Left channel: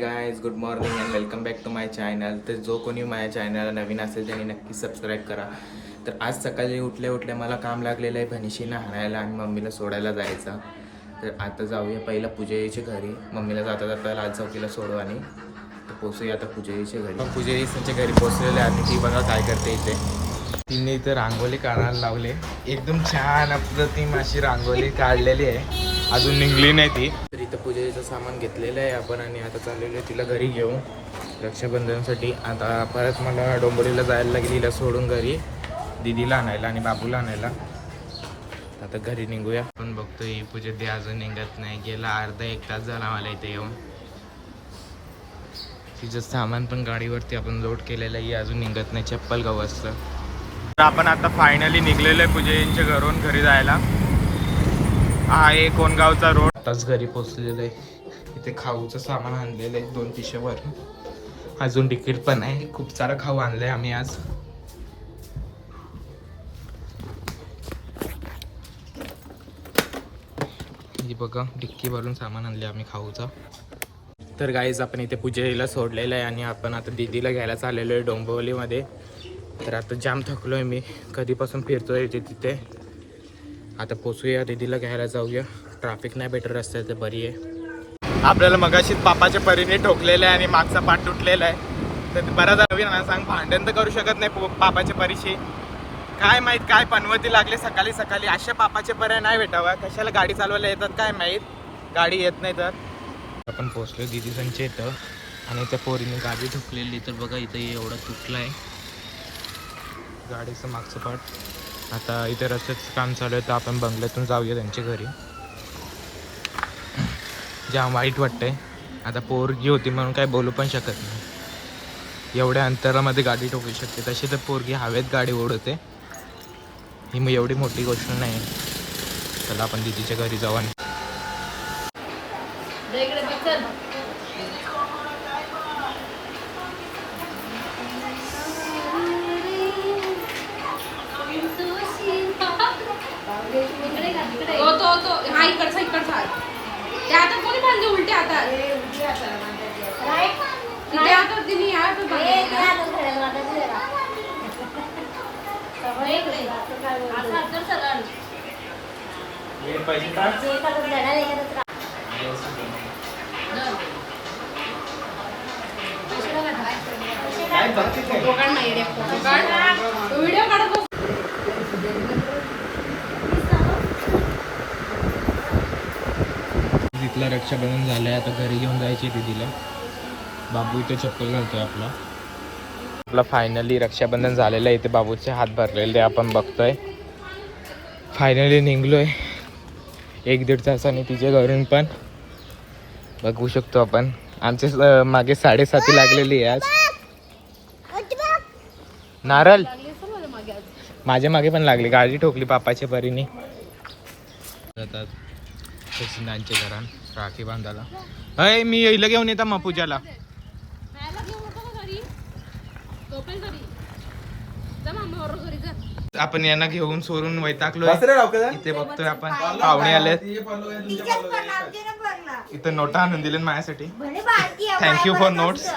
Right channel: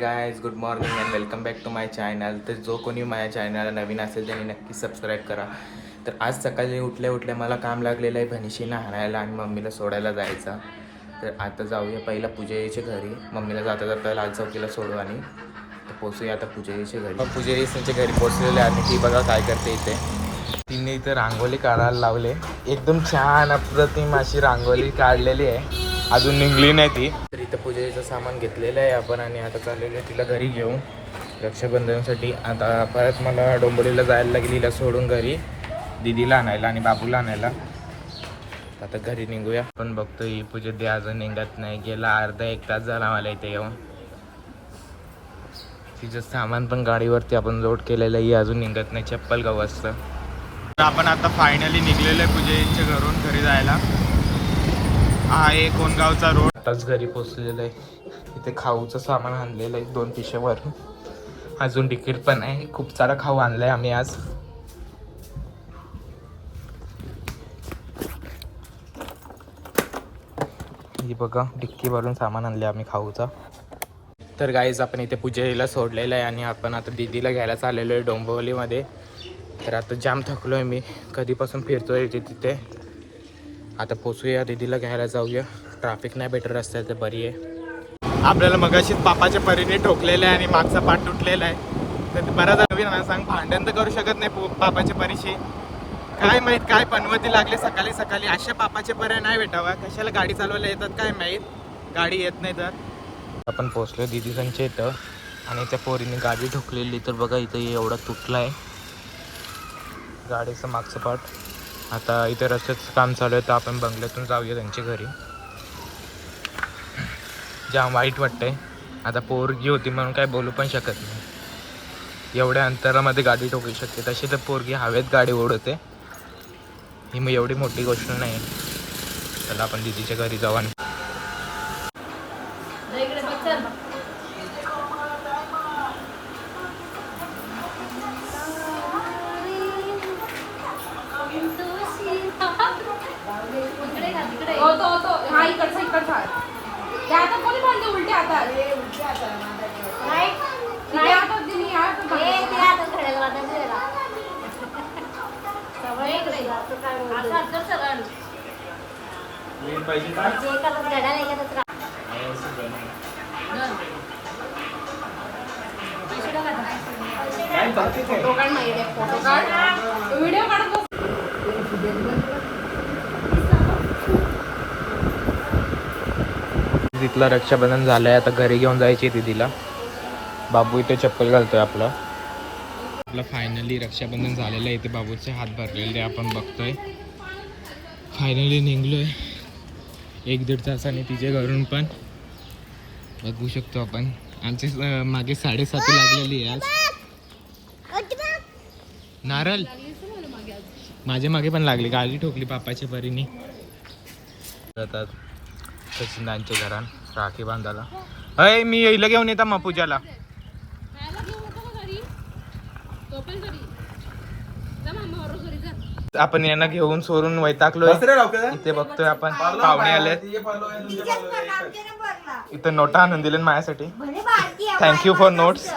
Guys good morning and welcome back to my channel. तर जो कोणी माझ्या चॅनलला नवीन असेल त्यांनी नक्की सबस्क्राईब करा. तर आज सकाळी उठल्या मला काम लागलेलं आहे भनिशीनं हाणायला आणि मम्मीला सोडायला जायचं. तर आता जाऊया पहिला पूजेच्या घरी. मम्मीला जाता जाता लाल चौकीला सोडू आणि तर पोचूया आता पूजेच्या घरी. मग त्यांच्या घरी पोचलेले आणि ती बघा काय करते इथे. तिने इथे रांगोळी काढायला लावले. एकदम छान अप्रतिम अशी रांगोळी काढलेली आहे. अजून निघली नाही ती. तर इथं पूजेचं सामान घेतलेलं आहे आपण आणि आता चाललेलं आहे तिला घरी घेऊन रक्षाबंधनसाठी. आता परत मला डोंबोलीला जायला लागेल हिला सोडून घरी दीदीला आणायला आणि बाबूला आणायला. आता घरी निघूया. पण बघतो ही पूजा दे अजून निघत नाही. गेला अर्धा एक तास झाला मला इथे येऊन. तिचं सामान पण गाडीवरती आपण लोड केलेलं आहे. अजून निघत नाही. चप्पल गाव असतं. तर आपण आता फायनली निघलेलो आहे पूजेच्या घरून घरी जायला. हा आहे कोणगावचा रोड. आताच घरी पोचलेलं आहे. इथे खाऊचं सामान आणलेलं आहे 2 पिशव्यावर. अजून तिकीट पण आहे. खूप सारा खाऊ आणलाय आम्ही आज. ही बघा डिक्की भरून सामान आणले आम्ही खाऊचा. तर गाईज आपण इथे पूजेला सोडलेलं आहे आणि आपण आता दीदीला घ्यायला चाललेलो आहे डोंबिवलीमध्ये. तर आता जाम थकलो आहे मी. कधीपासून फिरतोय तिथे. आता पोचूया दीदीला घ्यायला जाऊया. ट्रॅफिक नाही भेटत रस्त्यात तर बरी आहे. आपल्याला मगाशीच पापाच्या परीने ठोकलेलं आहे आणि मागचा पाठ तुटलेला आहे. तर बराच नवीन सांग भांडण तर करू शकत नाही पापाच्या परीशी. काय माहीत काय पनवती लागले सकाळी सकाळी. अशा पापाचे पर्याय नाही भेटावा. कशाला गाडी चालवायला येतात काय माहीत. गाडी येत नाही तर. आपण पोचलो दीदी संच्या इथं आणि त्या पोरीने गाडी ठोकलेली. तर बघा इथं एवढा तुटला आहे गाडीचं मागचं पाठ. आता इथे रस्त्याचं काम चालू आहे तर आपण बंगल्यातून जाऊया त्यांच्या घरी. जाम वाईट वाटतंय. आता पोरगी होती म्हणून काय बोलू पण शकत नाही. एवढ्या अंतरामध्ये गाडी ठोकू शकते. तशी तर पोरगी हवेत गाडी ओढते. ही मग एवढी मोठी गोष्ट नाही. चला आपण दीदीच्या घरी जाऊ. आणि उलटे आता तिथलं रक्षाबंधन झालंय. आता घरी घेऊन जायची दीदीला. बाबू इथे चप्पल घालतोय आपला फायनली रक्षाबंधन झालेलं आहे. इथे बाबूचे हात भरलेले आपण बघतोय. फायनली निघलोय 1-1.5 तासाने तिच्या घरून. पण बघू शकतो आपण आमच्या मागे 7:30 लागलेली आहे आज. नारळ माझ्या मागे पण लागली. गाडी ठोकली पापाच्या परीने. जातात सचिनांच्या घरात राखी बांधायला. अय मी येईल घेऊन येता मग पूजाला. आपण यांना घेऊन सोडून वैतागलोय. इथे बघतोय आपण पाहुणे आले. इथे नोटा आणून दिले माझ्यासाठी. Thank you for notes.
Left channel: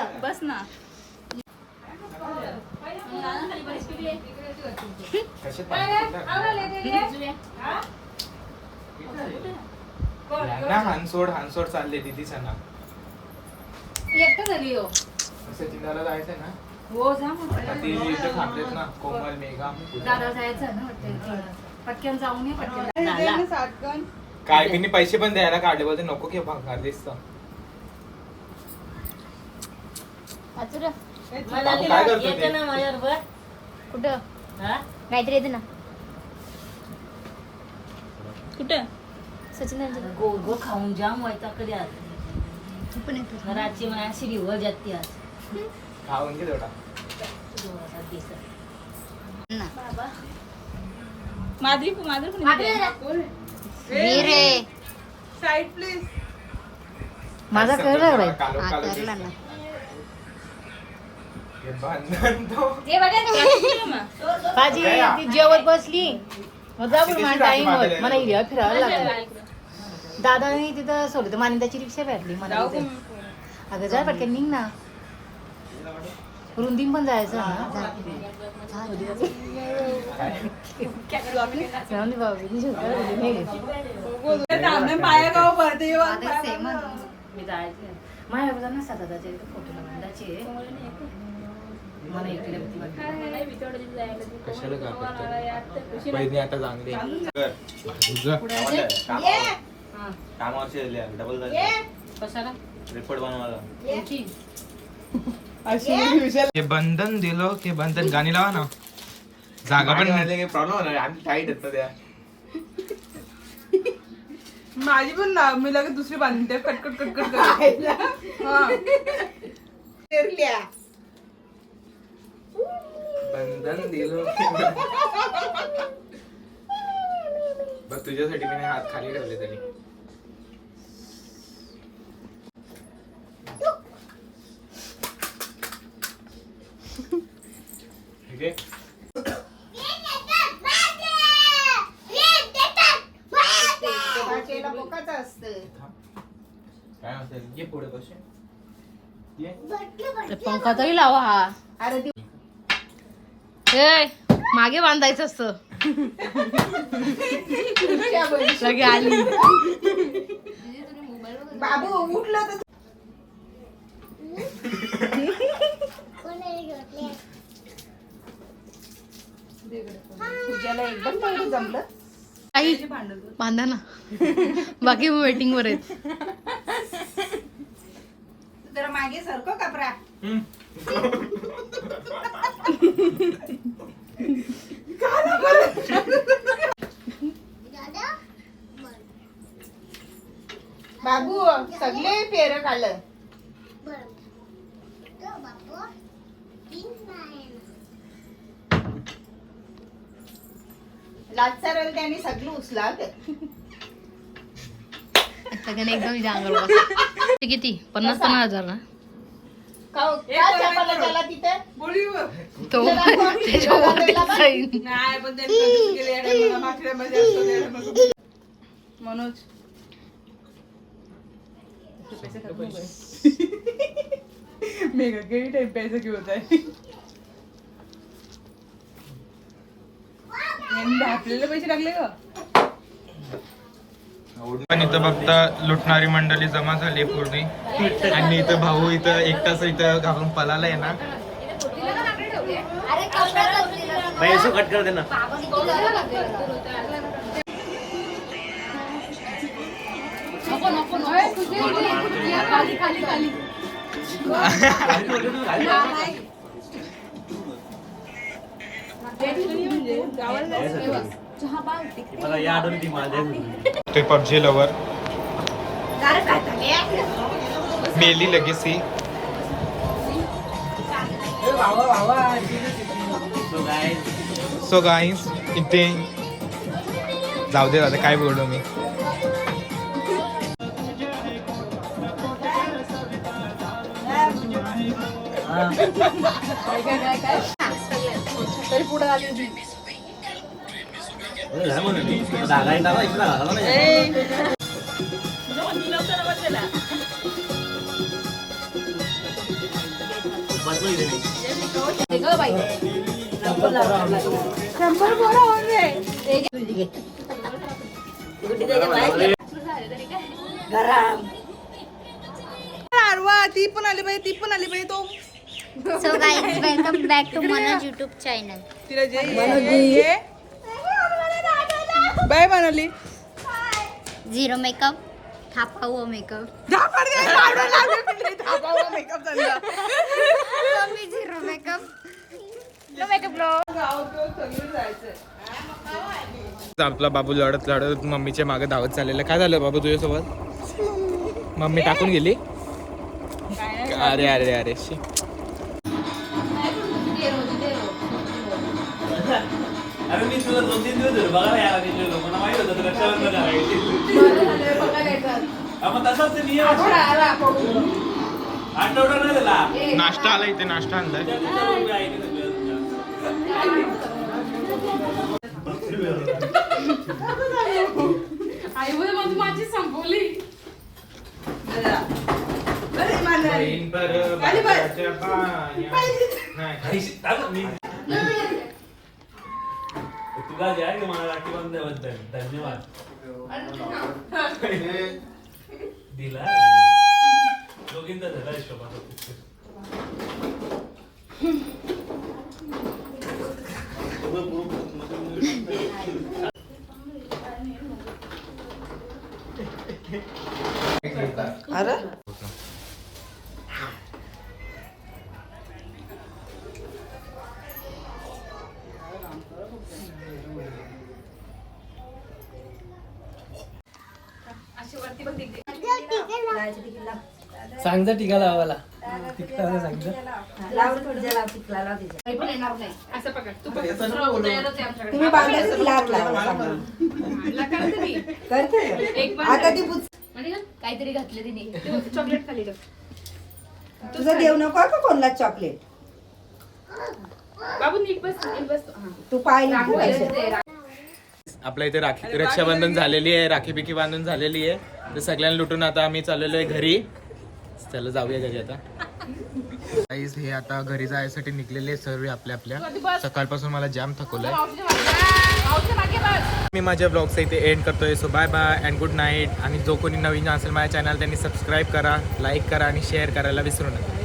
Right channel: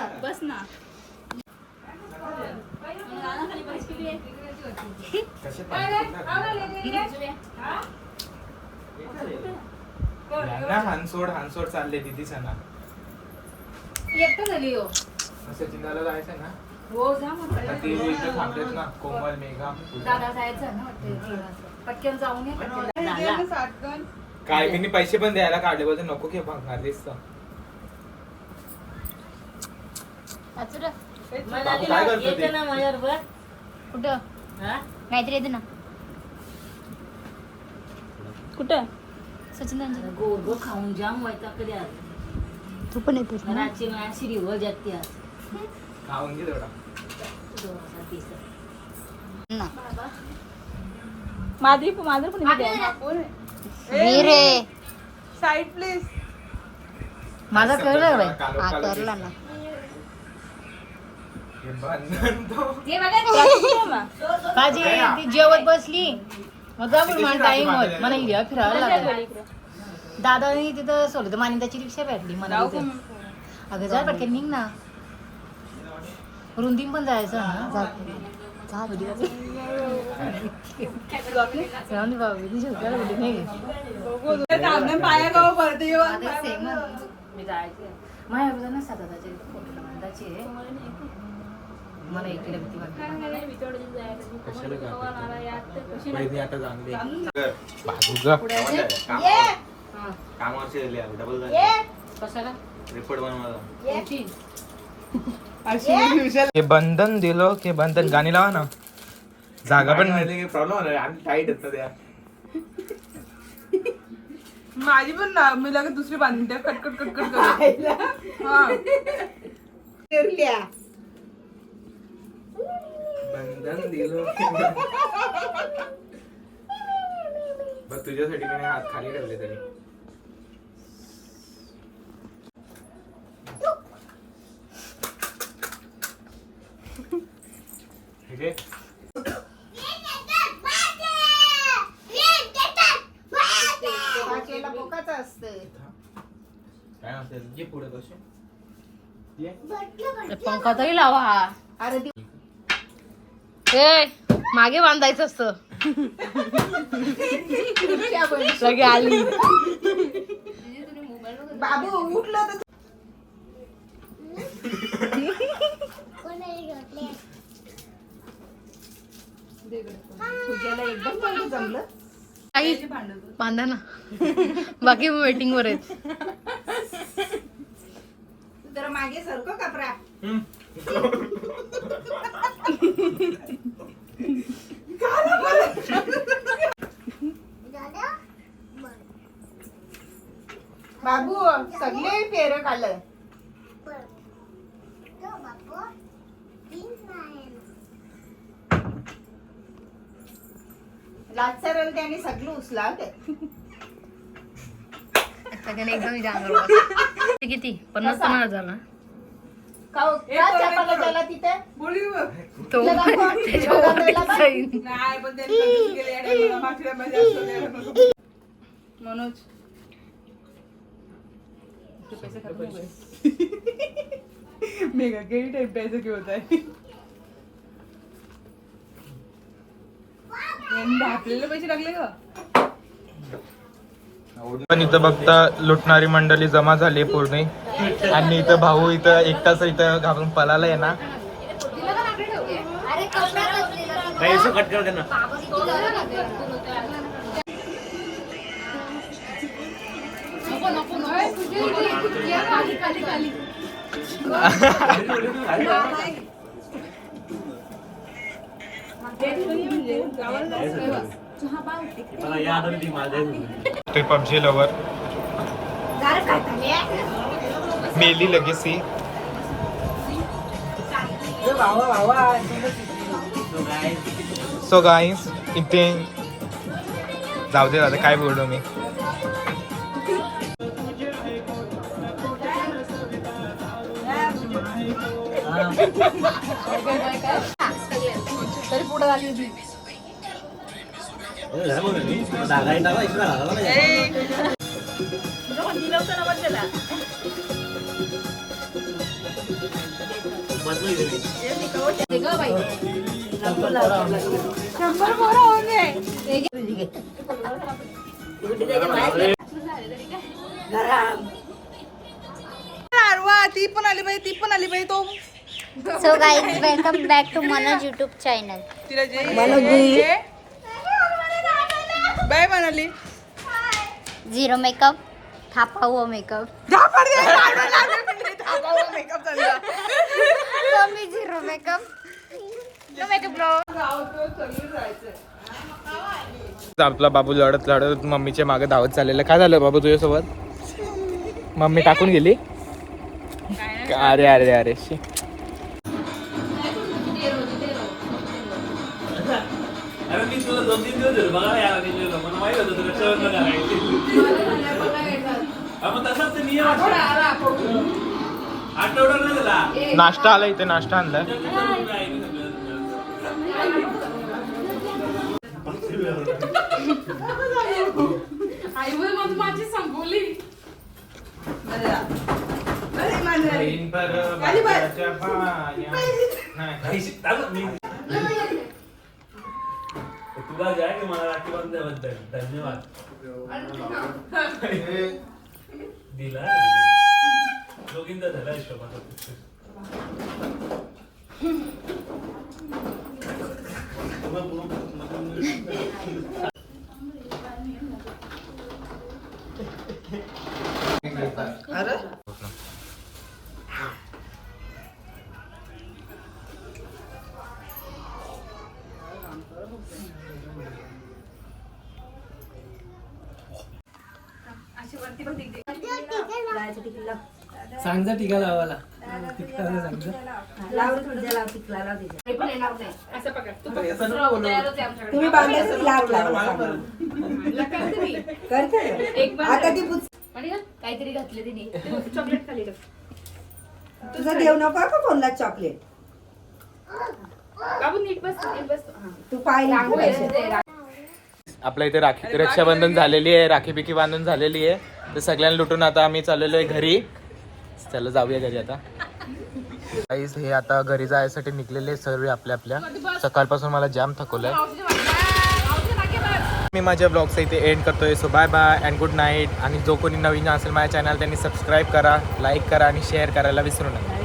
हानसोड चालले दीदी सणा. सचिनला जायचंय ना. हो जा थांबलेत ना कोमल मेघा. दादा जायचं ना पटकन जाऊन ये. पटकन काय मी पैसे पण द्यायला काढले. बोलते नको की भागणार दिसत. काय करतो ना माझ्याबरोबर. कुठं नाहीतरी येते ना. कुठं सचिन गो गो खाऊन जाम व्हायचा कधी. आज तू पण येतोस घराची माझी रिवर जाते आज. खाऊन घे थोडा. Side please. माझा कळलं करला ना. जेवत बसली मला फिरावं लागलं. दादानी तिथं सोडलं मानिताची रिक्षा भेटली मला. अगं जा पटकन निघ ना. रुंदीम पण जायचं ना. कशाला का करतो पहिली आता चांगली कामावरचे डबल कशाला रिपोर्ट बनवायला याची हे बंधन दिलो की बंधन गाणी लावा ना. जागा पण नाही प्रॉब्लेम होणार आम्ही टाईट येत त्या माझी पण ना मी लगेच दुसरी बांधते कटकट कटकट बंधन दिलो बघ तुझ्यासाठी मी हात खाली ठेवले तरी ठीक आहे. काय असेल ये पुढे कसे पंखा तरी लावा हा. ए मागे बांधायचं असतं. लगे आली बाबू उठलं तर पूजाला एकदम तेवढं जमलं. काही बांधा ना. बाकी वेटिंग वर आहेत. जरा मागे सरको कपरा. बाबू सगळे पेर खाल्लं. लाचारल त्याने सगळं उचलावलं. सगळ्यांनी एकदम जांगल किती 50,000 ना तिथे बोलू तो त्याच्यावर जाईन. नाही पण त्यांनी कधीच गेले या टायमाला माखऱ्यामध्ये असतो त्या टायमाला. मनोज मेगा गेली टाइम पैसे घेऊन होत आहे. आपल्याला पैसे लागले का पण इथं बघता लुटणारी मंडळी जमा झाली पूर्ण आणि इथं भाऊ इथं एकटाच इथं घाबरून पळाला आहे ना. कट कर दे ना. ते पबजी लवर मेली लगेच ही. सो गाईस इथे जाऊ दे दादा काय बोललो मी. तरी पुढे आली होती. ती पण आली बाई ती पण आली बाई. तो So guys, welcome back to Manoj YouTube channel. तिला बाय म्हणाली. Zero makeup, थापा हुआ makeup. मेकअप झाला. Mummy zero makeup. No makeup bro. आपला बाबू लढत लढत मम्मीच्या मागे धावत चाललेला. काय झालं बाबू तुझ्यासोबत? मम्मी टाकून गेली. अरे अरे अरे शी. मी तुला 2-3 दिवस झाले बघा यार मला माहित होतं तुला रक्षाबंधन करायचं. मग तसंच ते नियम आठवडा नाही झाला. नाश्ता आला इथे नाश्ता आणलाय. आई माझी संपवली. अरे बांधणार खाली बस. तुला द्या की मला राखी बांधल्याबद्दल धन्यवाद दिला दोघींचा झाला हिशोबाचा अरे सांग जा टीका लावायला तुम्ही बांधायचं लाग आता ती काहीतरी घातलं तिने चॉकलेट खाली तुझं देऊ नको का कोणला चॉकलेट बाबू नीट बस तू पाय नीट आपल्या इथे राखी रक्षाबंधन झालेली आहे, राखी बिखी बांधून झालेली आहे. तर सगळ्यांना लुटून आता आम्ही चाललेलो आहे घरी. चला जाऊया घरी आता. गाईस हे आता घरी जायसाठी निघलेले सर्व आपल्या सकाळपासून मला जाम थकवलंय. मी माझ्या ब्लॉगचा इथे एंड करतोय. So bye bye and good night. आणि जो कोणी नवीन असेल माझ्या चॅनल त्यांनी सबस्क्राईब करा, लाईक करा आणि शेअर करायला विसरू नका.